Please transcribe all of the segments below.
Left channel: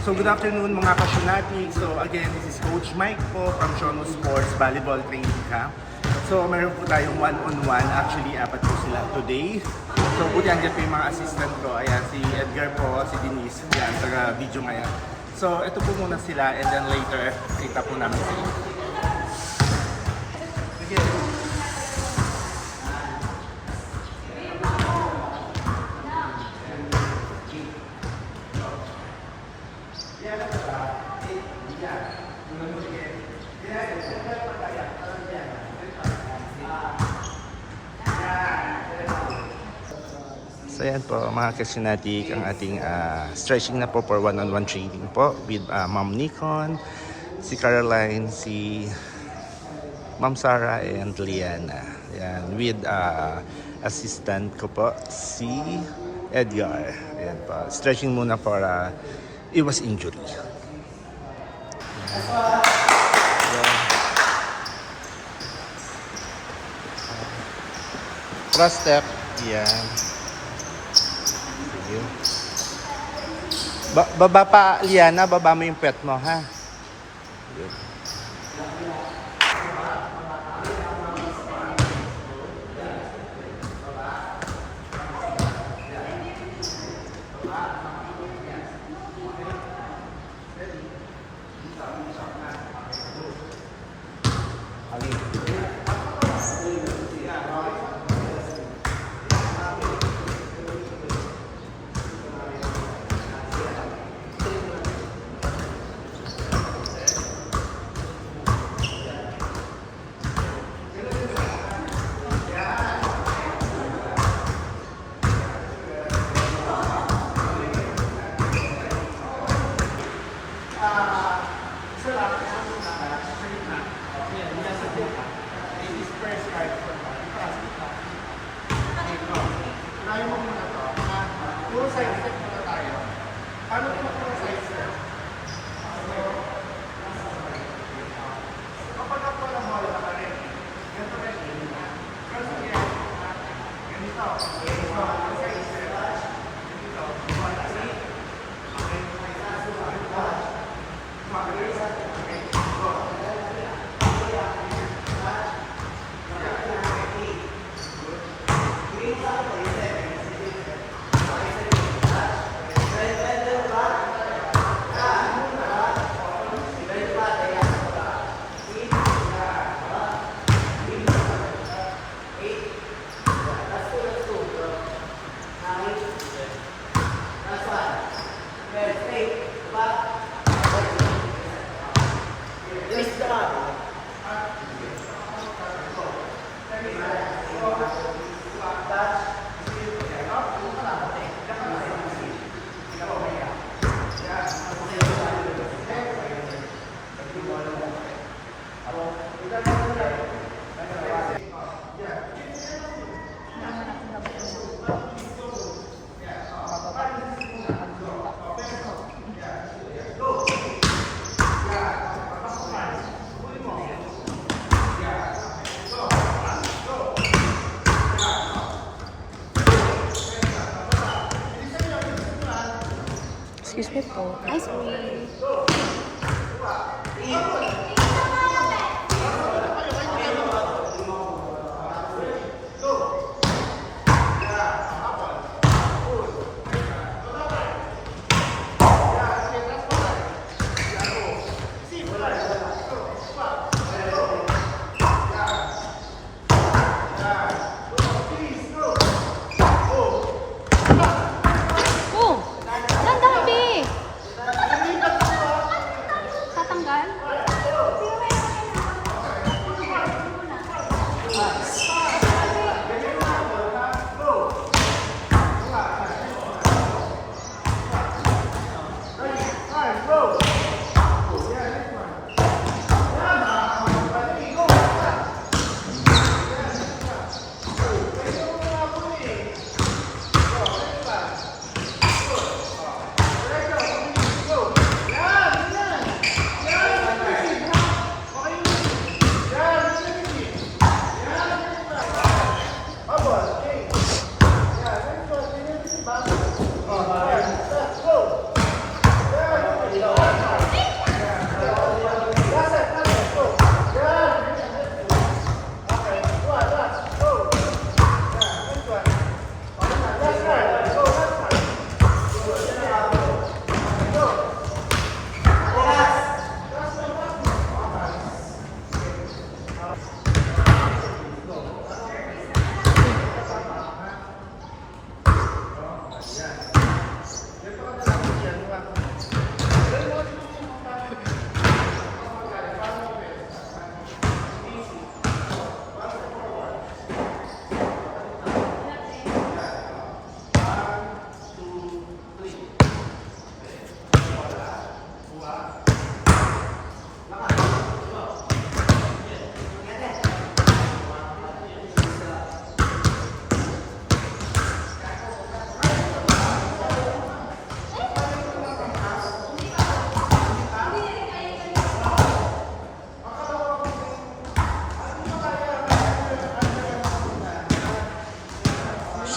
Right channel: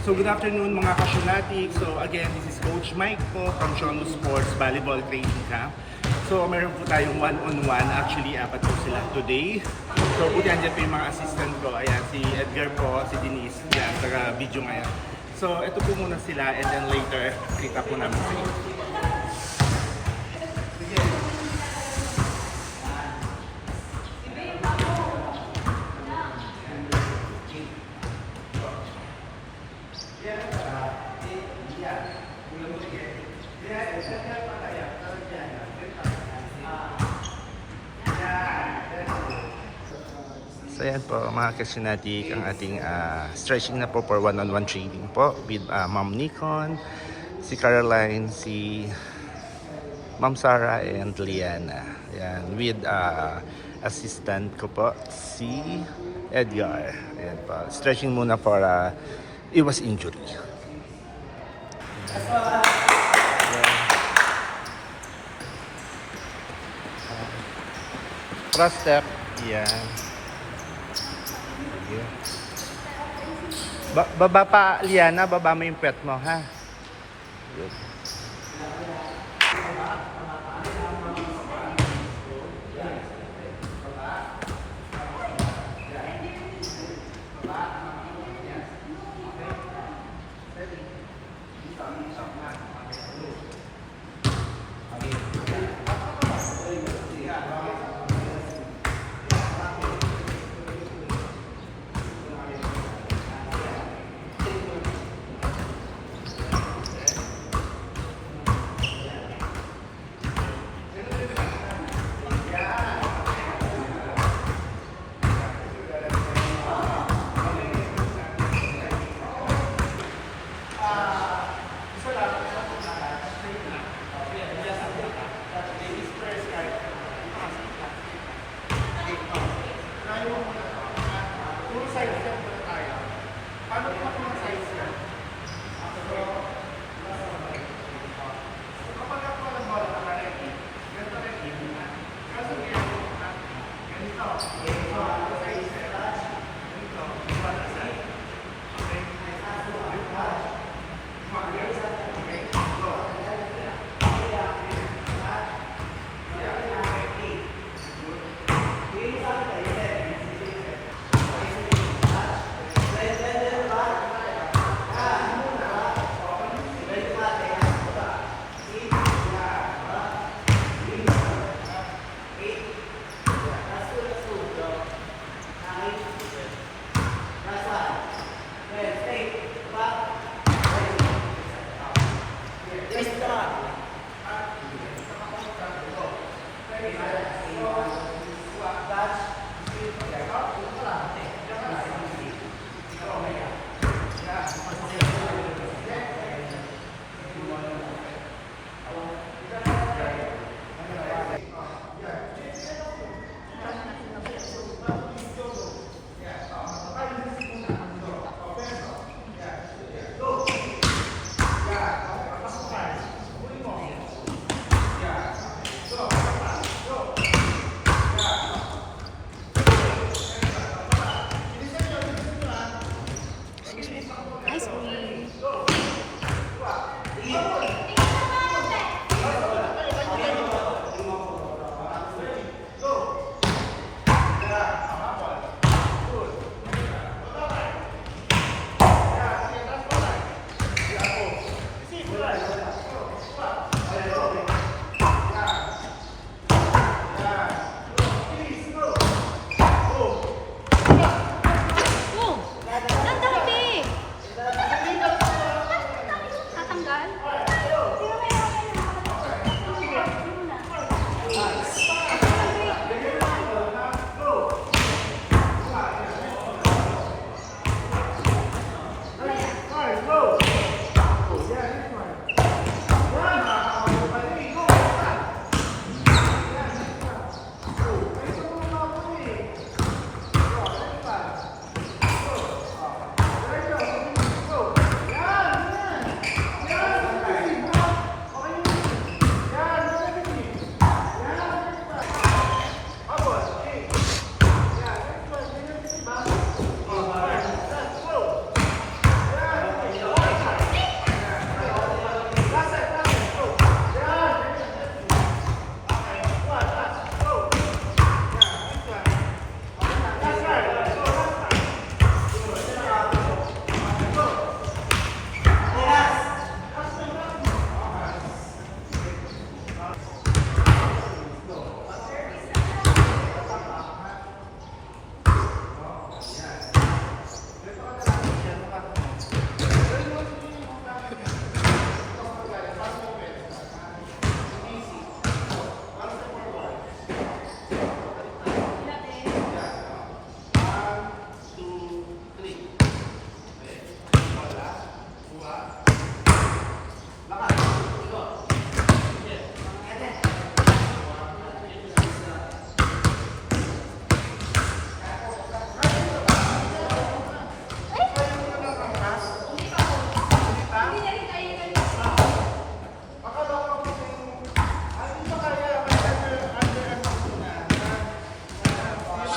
So good afternoon mga kasyonati. So again, this is Coach Mike po from Shono Sports Volleyball Training Camp. So meron po tayong one-on-one. Actually, apat po sila today. So buti andyan po yung mga assistant ko. Ayan, si Edgar po, si Denise. Yan, taga video ngayon. So ito po muna sila and then later, kita po namin sila. So yan po mga kasinatik ang ating stretching na po for one-on-one training po with Ma'am Nikon, si Caroline, si Ma'am Sarah and Liana. Yan, with assistant ko po si Edgar. Yan po. Stretching muna para iwas injury. Cross step. Yan. Baba pa, Liana, baba mo yung pet mo, ha? Good.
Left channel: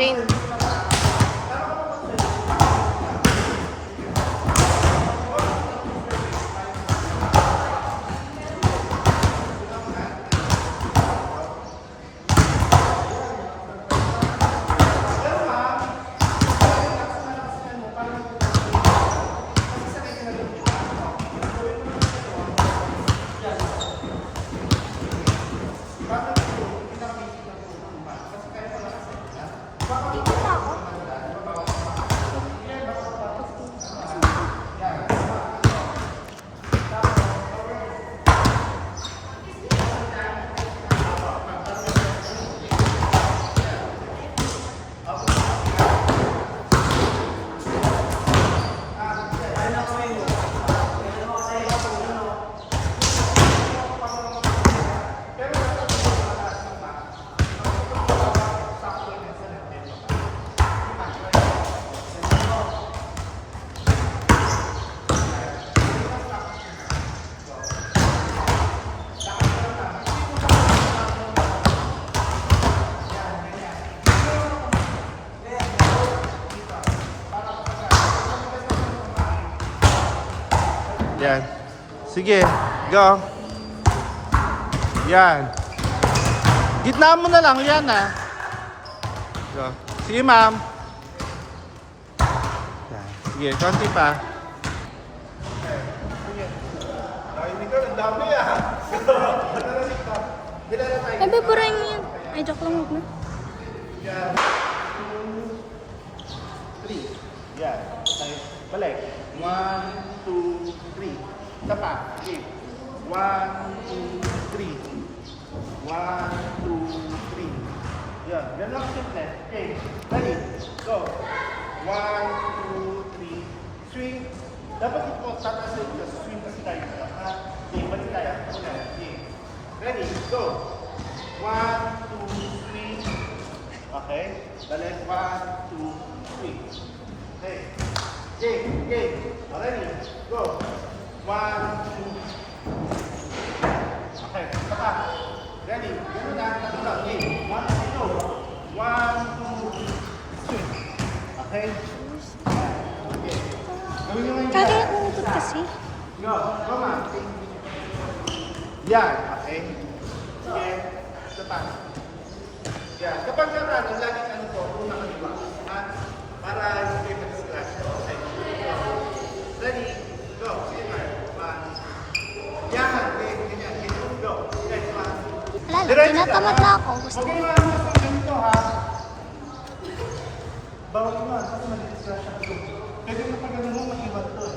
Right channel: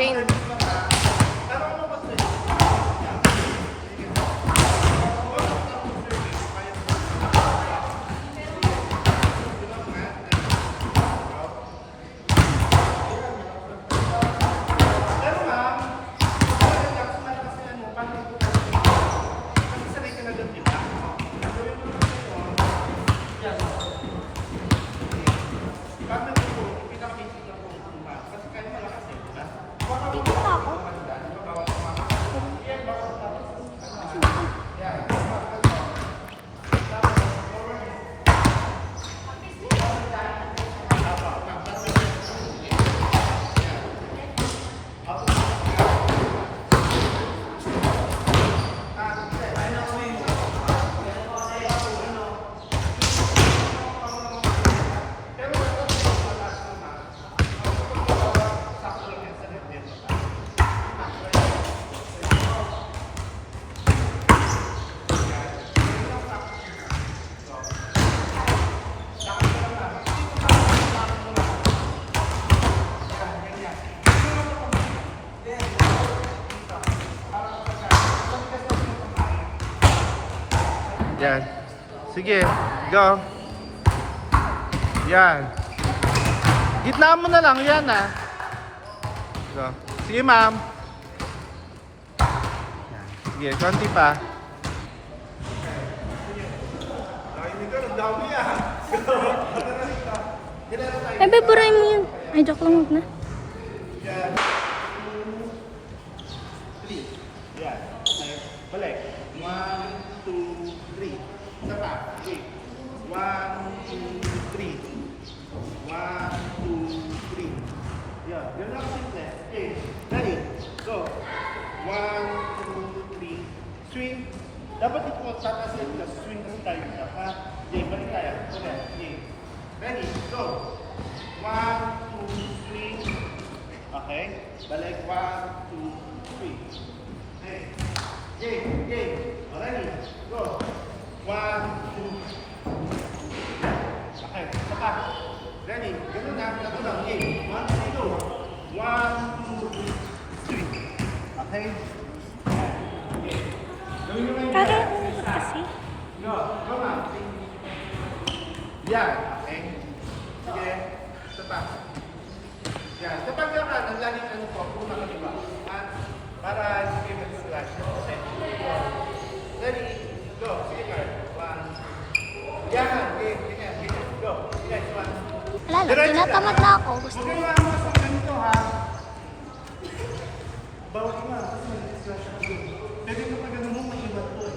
Shane. Yan. Sige, go. Yan. Gitna mo na lang yan ah. Go. Sige ma'am. Yan. Sige, konti pa. Ay, beburahin mo yun. Ay, joke lang na. Yan. Balik. 1, 2, 3. Isa pa. Okay. 1, 2, 3. 1, 2, 3. Yan. Yan lang simple. Okay. Ready. Go. 1, 2, 3. Swing. Dapat ito tatasin ka. Swing kasi tayo ka. Ha? Okay. Balik tayo. Okay. Okay. Ready. Go. 1, 2, 3. Okay. Balik. 1, 2, 3. Okay. Game, game. Ready? Go. 1, 2. Okay, sapa. Ready? Ganun na, tatlo lang. Game. 1, 2. 1, 2, 3. Okay? Okay. Kaya umubot kasi. No, come on. Yan. Okay. Sige. Sapa. Yan. Kapag gano'n, ang laging ano po, una ka diba? Para hindi mag-slash. Okay. Ready? Go. Sige, Mark. 1. Yan. Okay. Ganyan. Ganyan. Go. Next one. Alala, tinatamad na ako. Gusto Okay, ko. mga sa ganito ha. Bawal ko na kasi mag-slash ako doon. Pwede na pag mo, mag-iwan to eh.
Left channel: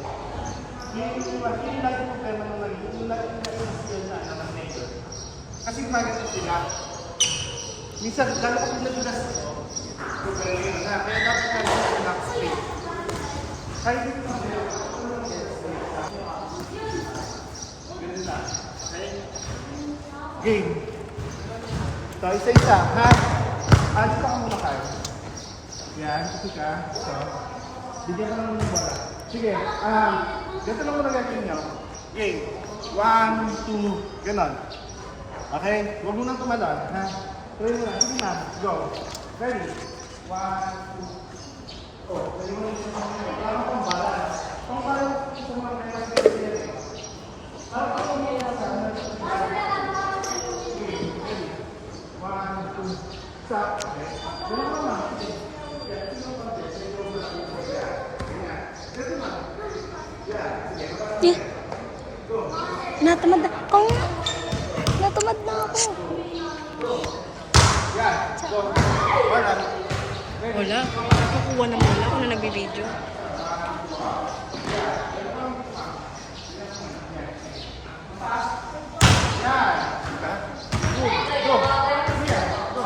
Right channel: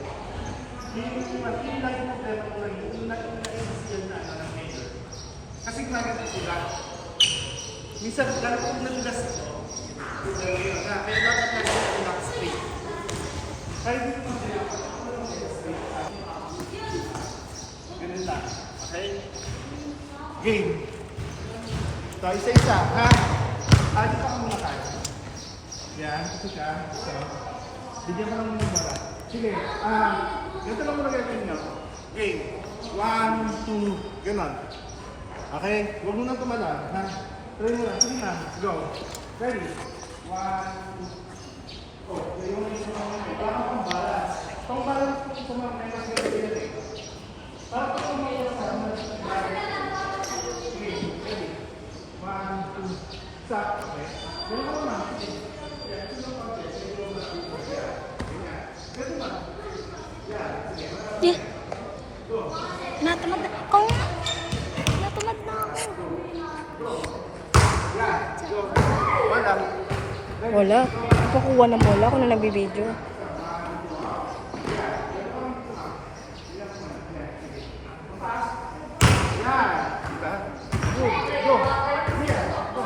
Yung lagi mo problema na yung lagi na i-seal na ng major. Kasi gumagawin sila. Minsan, gano'n ko niligas ito. Kaya dapat na yung lock straight. Kahit hindi mo sila, ganun lang. Okay? Game. So, isa-isa. Ha? Alis pa ka muna ka. Yan, kasi ka. So, bigyan ka lang muna yung bola. Sige, ganito lang muna natin nyo. Game. 1, 2, ganon. Okay? Huwag mo nang tumalon. Ha? Tuloy mo lang. Sige na. Go. Ready? 1, 2. Oh, tuloy mo lang yung mga nyo. Wala ka pang balance. Pang balance sa mga kailang ganyan yan eh. Para pa kung may nasa okay, ready? 1, 2, stop. Okay? Ganun ka naman. Sige. Yan, sige mo pang sige mo na upo. Yan. Ganyan. Ganun naman. Yan. Sige. Yeah. Go. Natamad na ako. Natamad na ako. Yan. Go. Wala. Wala. Kukuha ng bola kung na nagbibideo. Yan. Diba? Go. Go. Yan. Go.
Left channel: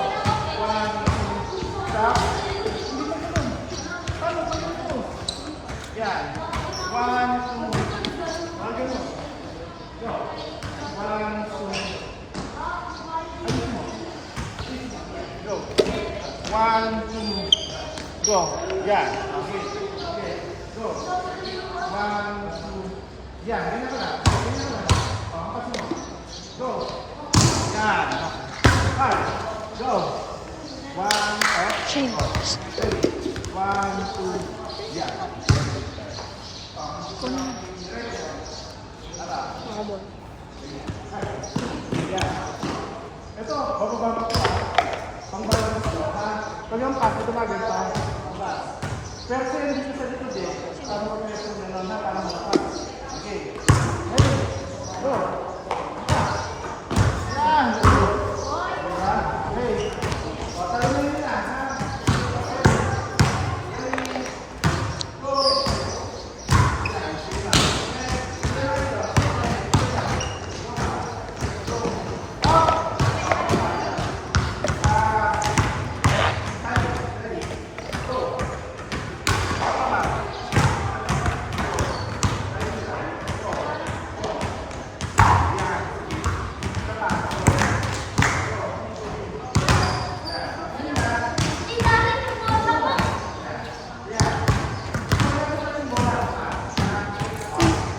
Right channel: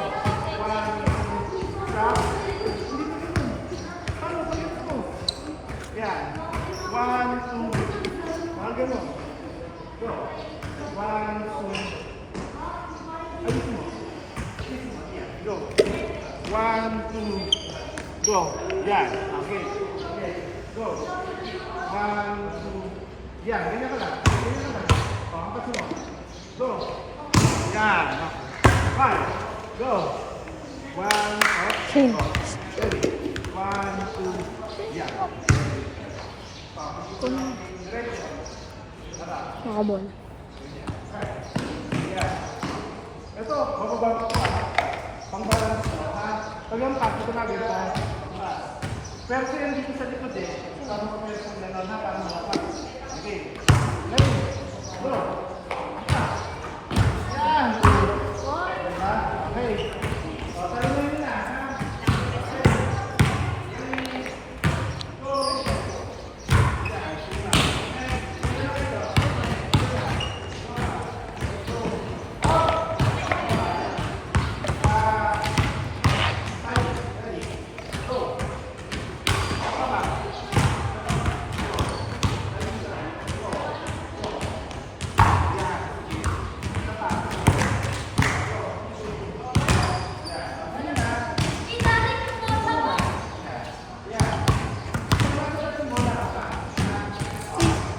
1, 2, stop. Hindi pa ganun. Paano pa ganun? Yan. 1, 2. Mga ganun. Go. 1, 2. Ayos mo. Go. 1, 2. Go. Yan. Okay. Okay. Go. 1, 2. Yan. Ganyan ka lang. Ganyan ka lang. O, angkas mo. Go. Yan. Okay. 5. Go. One, up. Chin. Ready? One, two, yeah. Kunin. Nakabong. Yan. Ito, bababa ko po ah. Pang-balance ko ha. Pag yung pass, ito na pa. Pero kung yan dito sa likod eh, para mag-press yung gano'n ha, para malakas. Okay. Ready? Go. Yan. Diba? Okay. O, talungan nyo na ha.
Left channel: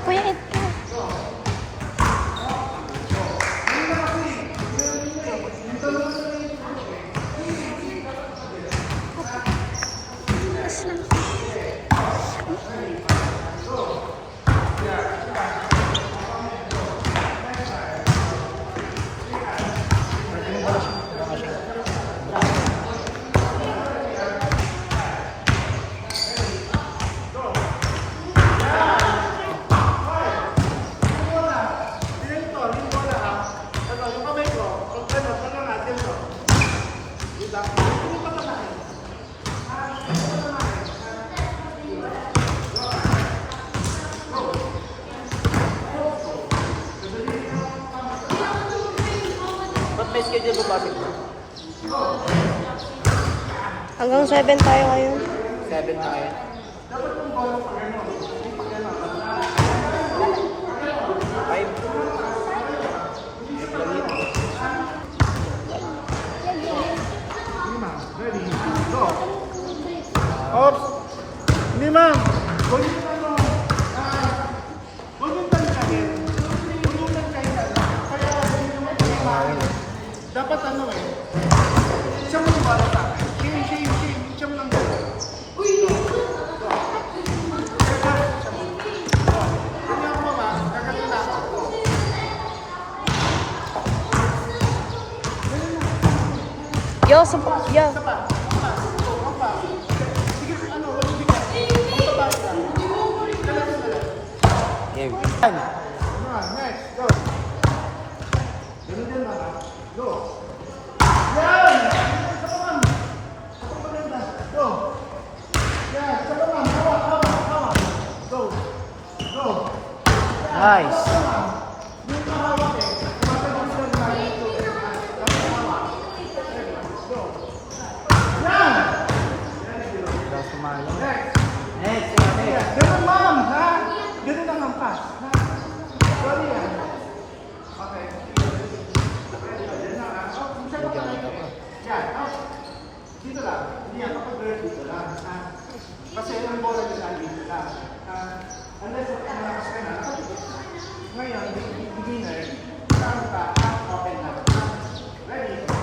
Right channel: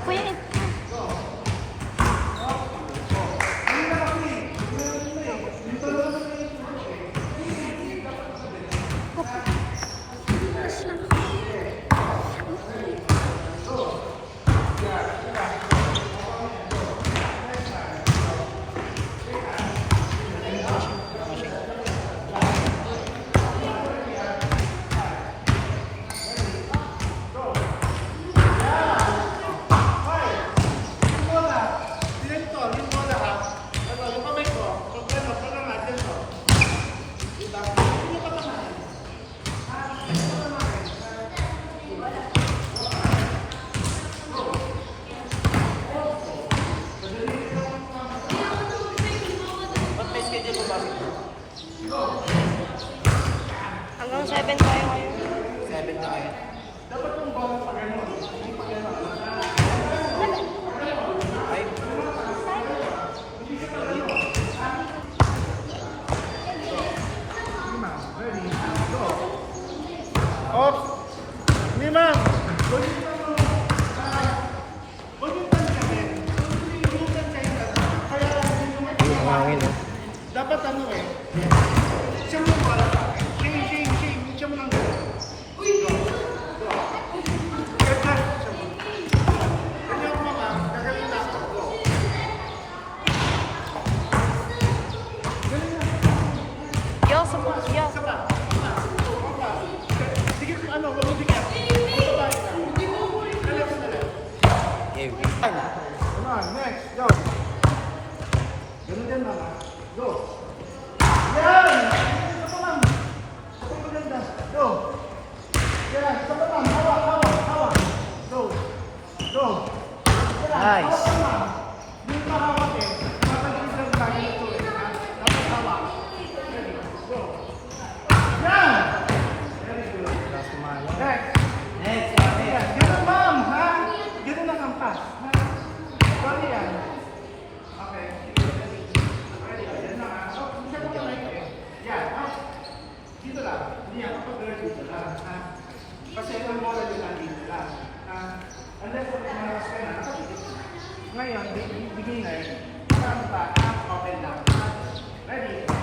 Kuya, ito. Mas lang. Hanggang 7 tayo ngayon. Dapat yung bola pa gano'n. Hindi pa gano'n. Ready? Go. Oops. Hindi ma'am. Gawin mo na huwag yung tantayin. Huwag yung tantayin. Kaya hindi naman tantayin. Dapat ano eh. Siya mo yung bola sa akin. Shame. Siya mo lang gano'n. Go. Kaya siya mo. Go. Ganyan ako mama. Gagaling na ako. Go. Ganyan na. Yo, sabak. Yo. Isa pa. Sige kung ano, huwag mo bigyan. Ang baba ka. Dala. Game. Come on, next, go. Ganun din mama. Go. Yan! Isa pa ma'am. Isa pa maganda. Go. Yan, isa pa ma'am. Hawa. Go. Yan, Nice. hawa ka ma'am. Hindi mo hawak eh. Matagos lang na dito eh. Dapat hawak. Ready, go. Yan! Very good. Next. Next. Yan. Ganun ma'am, ha? Ganun lang ang pass, ha? Sorry yan. Okay. Ready, yan lang ha. Oh, isa pa pala ito eh. Yan, oh. Dito lang. Hindi yan, kapag dito lang, ha? Kasi yung bola nyo lang dito lang. Unless malakas ka na, nakapigit na. Ngayon, beginner, saan pa, open lang. Ready?